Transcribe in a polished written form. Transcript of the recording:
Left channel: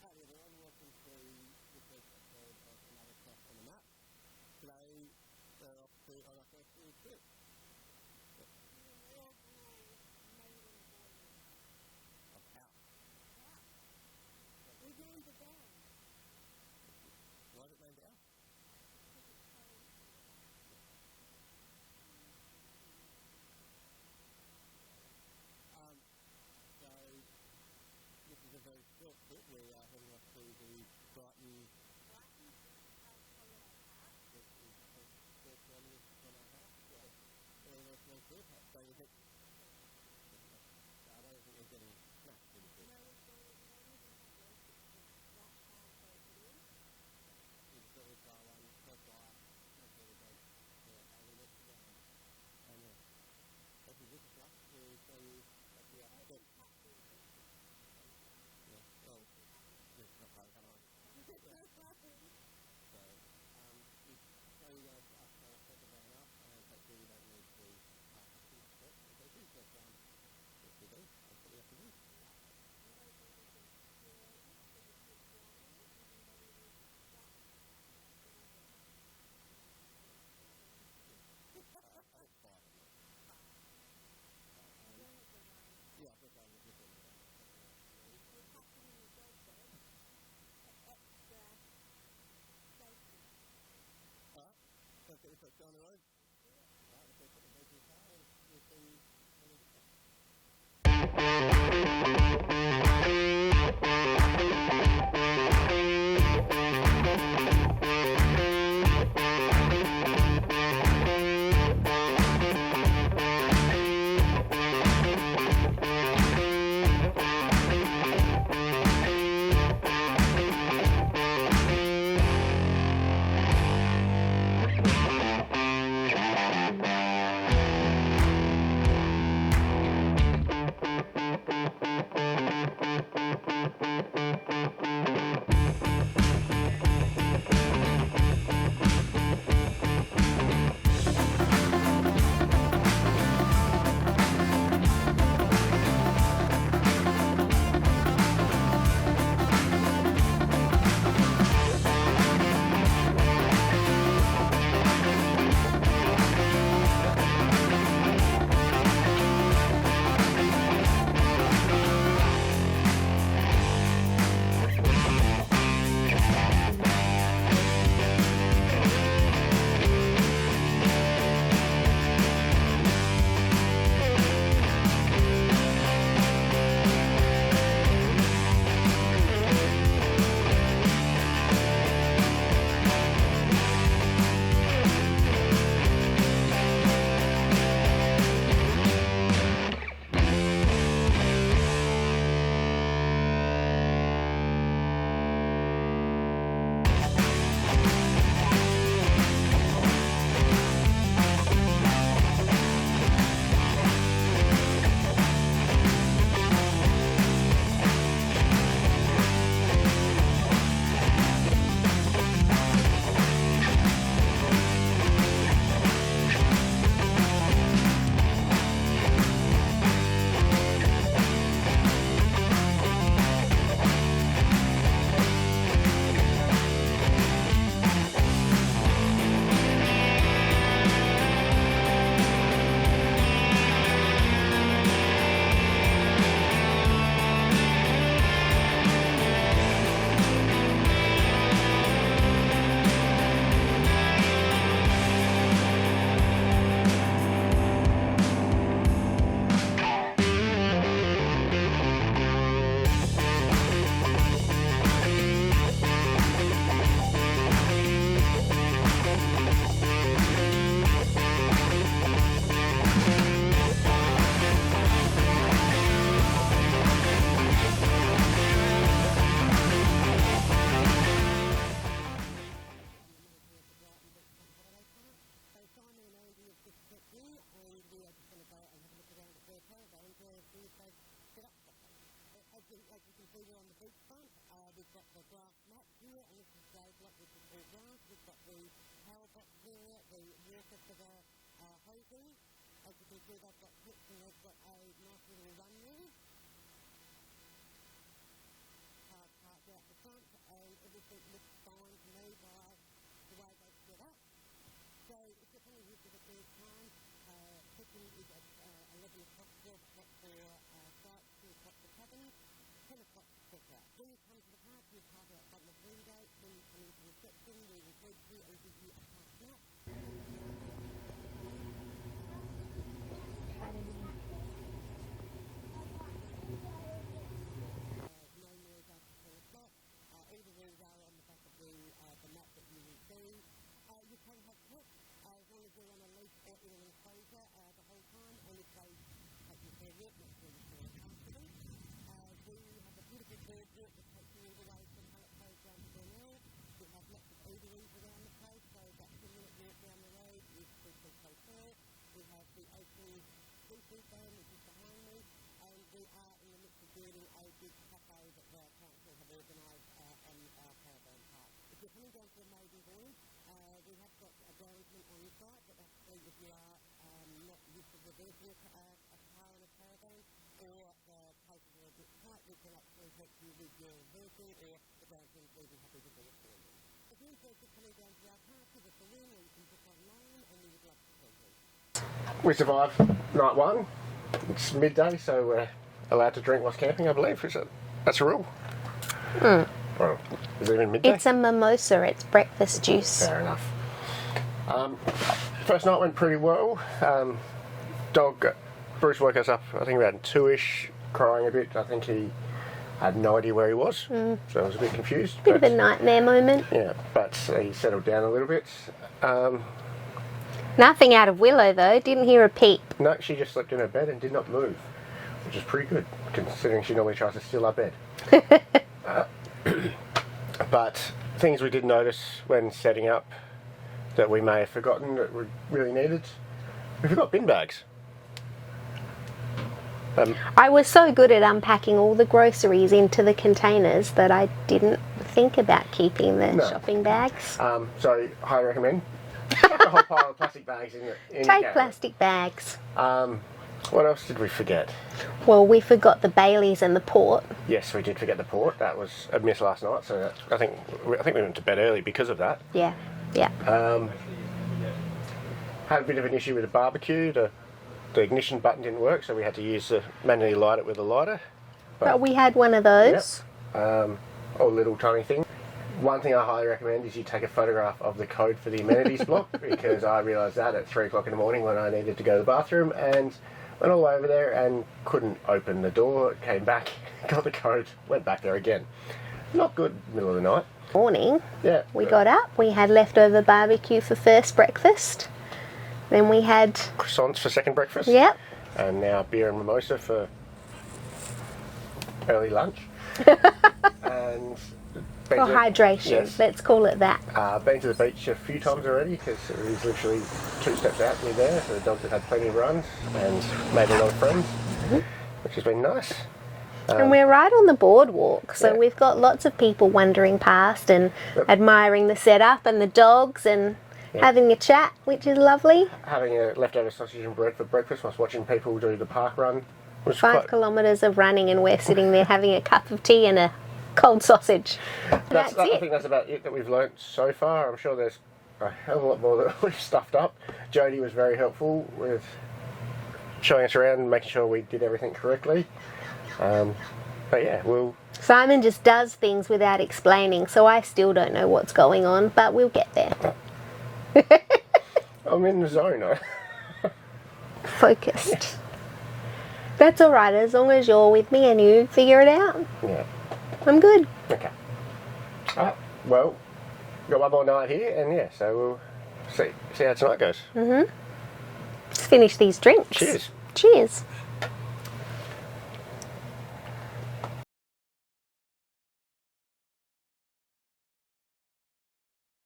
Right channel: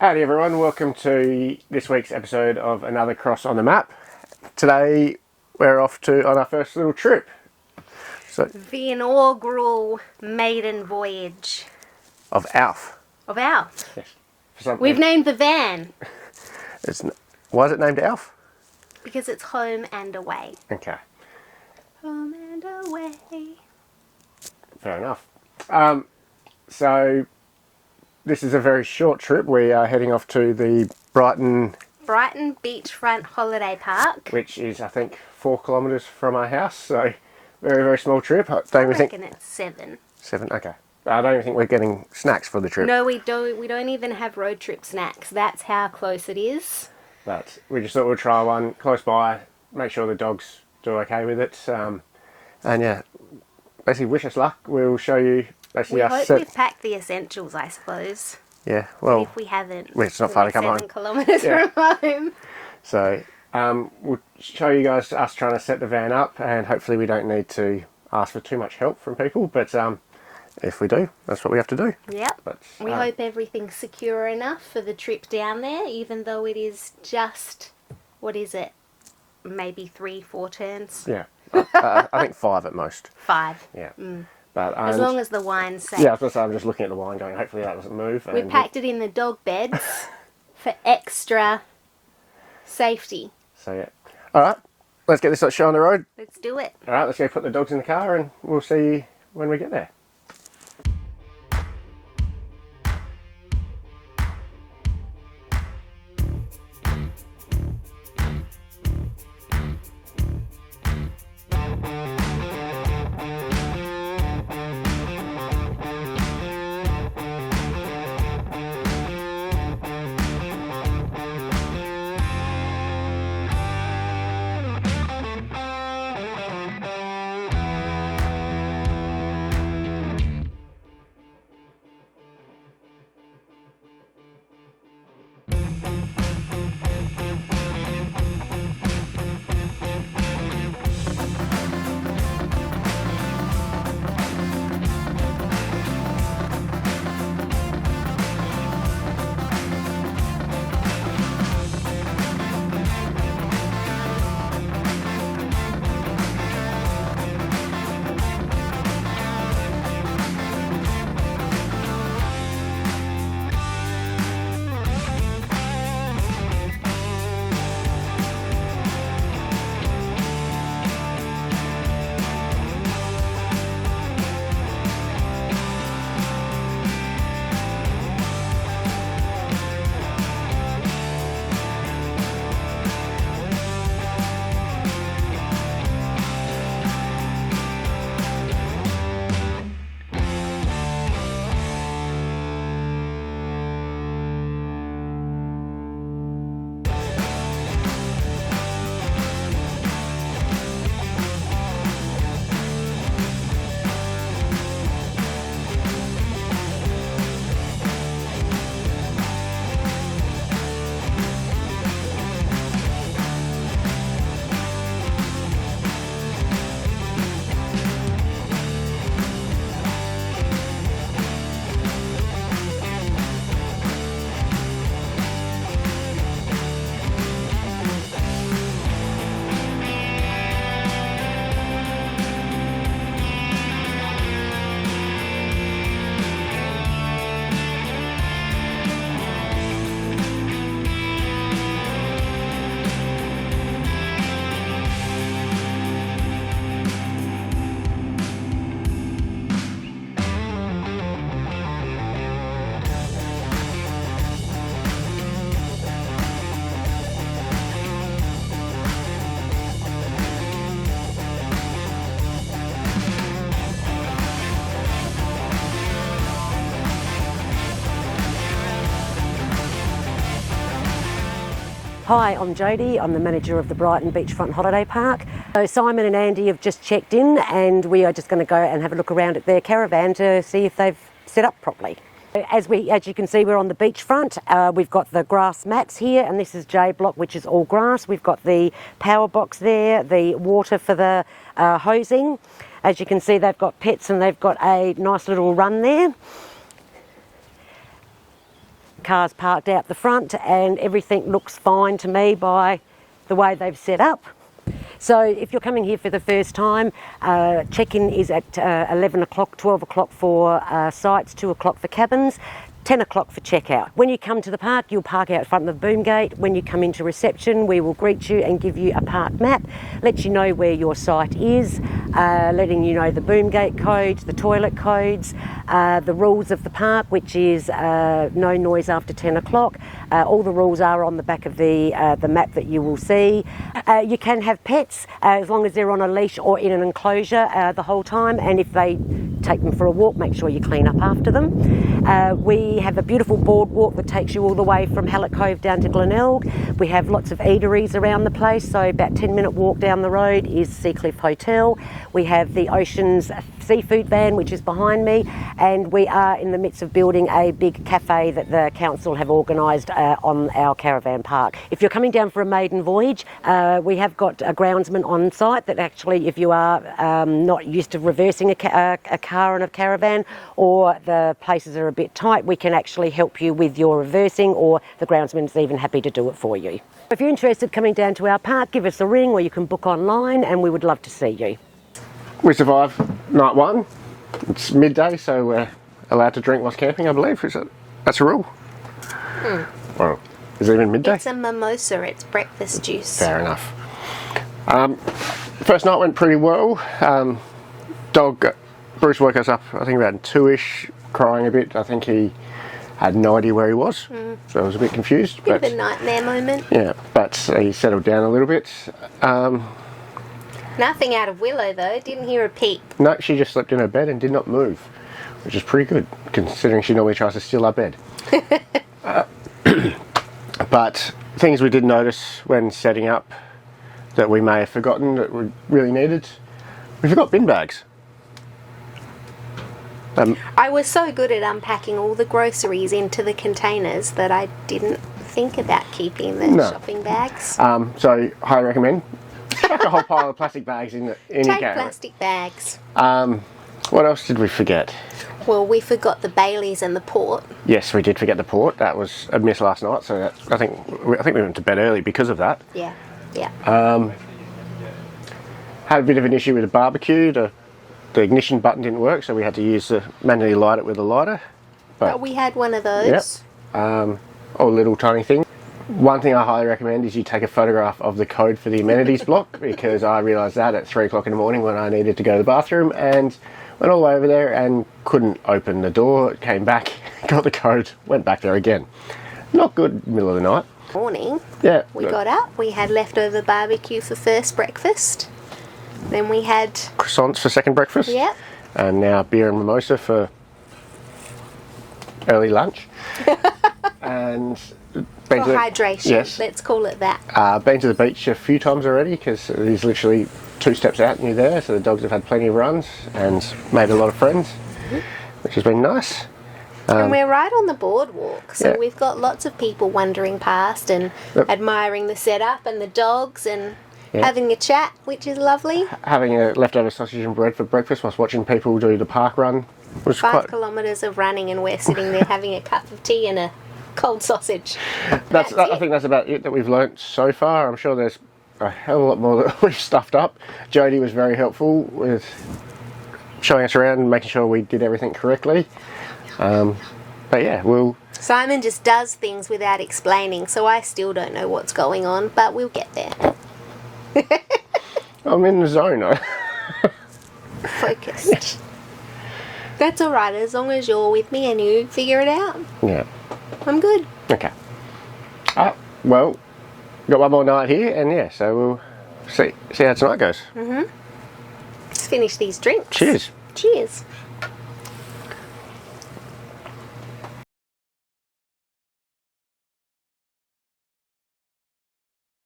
Howdy everyone, welcome to this week's episode of Another Cross on the Map. Today we're off on our first little trip. The inaugural maiden voyage. Of Alf. Of Alf. Yes. We've named the van. Why is it named Alf? Because it's home and away. Okay. Home and away. Fair enough. So this is a very short trip. We are heading off to the Brighton Beachfront Holiday Park. Which is, I think, 4 kilometres from our house. So very, very small trip. I reckon it's 7. 7, okay. I don't even think we're getting snacks for the trip. No, we don't. We don't even have road trip snacks. That's how close it is. But we just thought we'd try one close by, make sure the dogs do okay with it. And yeah, basically wish us luck. We'll show you basically we hope we've packed the essentials, I suppose. Yeah, well, if we haven't, it's not far to come home. 7 kilometres from home. So we'll show you guys us trying to set the van up, and hopefully we don't need to ask for too much help from people. But if we do, that's what we have to do. Yep. But, we hope everything's secure enough for the trip down there, even though it is just, what is it? Maybe 3-4 turns? Yeah. I think 5 at most. 5. Yeah. Mm. But, as long as the wine's safe. Yeah, I was going to say, I'm just looking at the wine going, hopefully that doesn't move. We packed it in the dog beds for extra safety. So yeah. Alright, let's get this show on the road. Let's do it. Alright, let's go put the dogs in the car and we'll see you when we get there. Hi, I'm Jodie. I'm the manager of the Brighton Beachfront Holiday Park. So Simon and Andy have just checked in and we are just going to go and have a look around at their caravan to see if they've set up properly. As you can see, we're on the beachfront. We've got the grass mats here, and this is J block, which is all grass. We've got the power box there, the water for the hosing. As you can see, they've got pets and they've got a nice little run there. cars parked out the front, and everything looks fine to me by the way they've set up. So if you're coming here for the first time, check-in is at 11 o'clock, 12 o'clock for sites, 2 o'clock for cabins, 10 o'clock for checkout. When you come to the park, you'll park out front of the boom gate. When you come into reception, we will greet you and give you a park map, let you know where your site is, letting you know the boom gate codes, the toilet codes, the rules of the park, which is no noise after 10 o'clock. All the rules are on the back of the map that you will see. You can have pets as long as they're on a leash or in an enclosure the whole time, and if they take them for a walk, make sure you clean up after them. We have a beautiful boardwalk that takes you all the way from Hallett Cove down to Glenelg. We have lots of eateries around the place, so about 10-minute walk down the road is Seacliff Hotel. We have the Oceans seafood van, which is behind me, and we are in the midst of building a big cafe that the council have organised on our caravan park. If you're coming down for a maiden voyage, we have got a groundsman on site that actually, if you are not used to reversing a car on a caravan, or the places are a bit tight, we can actually help you with your reversing, or the groundsman's even happy to do it for you. If you're interested in coming down to our park, give us a ring, or you can book online, and we would love to see you. We survived night one. It's midday, so we're allowed to drink whilst camping, I believe. That's a rule. Well, is it even midday? It's a mimosa, it's breakfast juice. Fair enough. First night went pretty well. Bruce woke us up, I think about 2ish, crying a bit. I think he had no idea where he was, so I was a bit confused. Bit of a nightmare moment. Yeah, but he settled down a little bit. Nothing out of Willow though, didn't hear a peep. No, she just slept in her bed and did not move, which is pretty good, considering she normally tries to steal our bed. But things we did notice when setting up that we may have forgotten that we really needed, we forgot bin bags. I was so good at unpacking all the groceries into the containers that I didn't think about keeping the shopping bags. So, highly recommend. Chuck a whole pile of plastic bags in your Take caravan. plastic bags. What else did we forget? Well, we forgot the Baileys and the port. Yes, we did forget the port. That was a miss last night, so I think we went to bed early because of that. Yeah, yeah. Had a bit of an issue with the barbecue. The ignition button didn't work, so we had to manually light it with a lighter. But we had one of those. Yep. A little tiny thing. One thing I highly recommend is you take a photograph of the code for the amenities block, because I realised that at 3 o'clock in the morning when I needed to go to the bathroom, and went all over there and couldn't open the door. Came back, got the code, went back there again. Not good middle of the night. Morning. Yeah. We got up, we had leftover barbecue for first breakfast. Then we had Croissants for second breakfast. Yep. And now beer and mimosa for early lunch. And been for hydration. Yes. Let's call it that. Been to the beach a few times already, because it is literally 2 steps out and you're there, so the dogs have had plenty of runs and made a lot of friends, which has been nice. And we're right on the boardwalk, so Yeah. we've got lots of people wandering past and admiring the setup and the dogs and having a chat, which is lovely. Having a leftover sausage and bread for breakfast whilst watching people do the park run was 5 kilometres of running, and we're sitting there having a cup of tea and a cold sausage. I think that's about it that we've learnt so far. I'm sure there's a hell of a lot more that we've stuffed up. Jodie was very helpful with showing us around and making sure we did everything correctly. But yeah, Simon just does things without explaining, so I still don't know what's going on, but we'll get there. I'm in the zone. Focused. That's all right, as long as you're with me and you figure it out. Yeah. I'm good. Okay. Well, got one more night here, and yeah, so we'll see how tonight goes. Let's finish these drinks. Cheers. Cheers.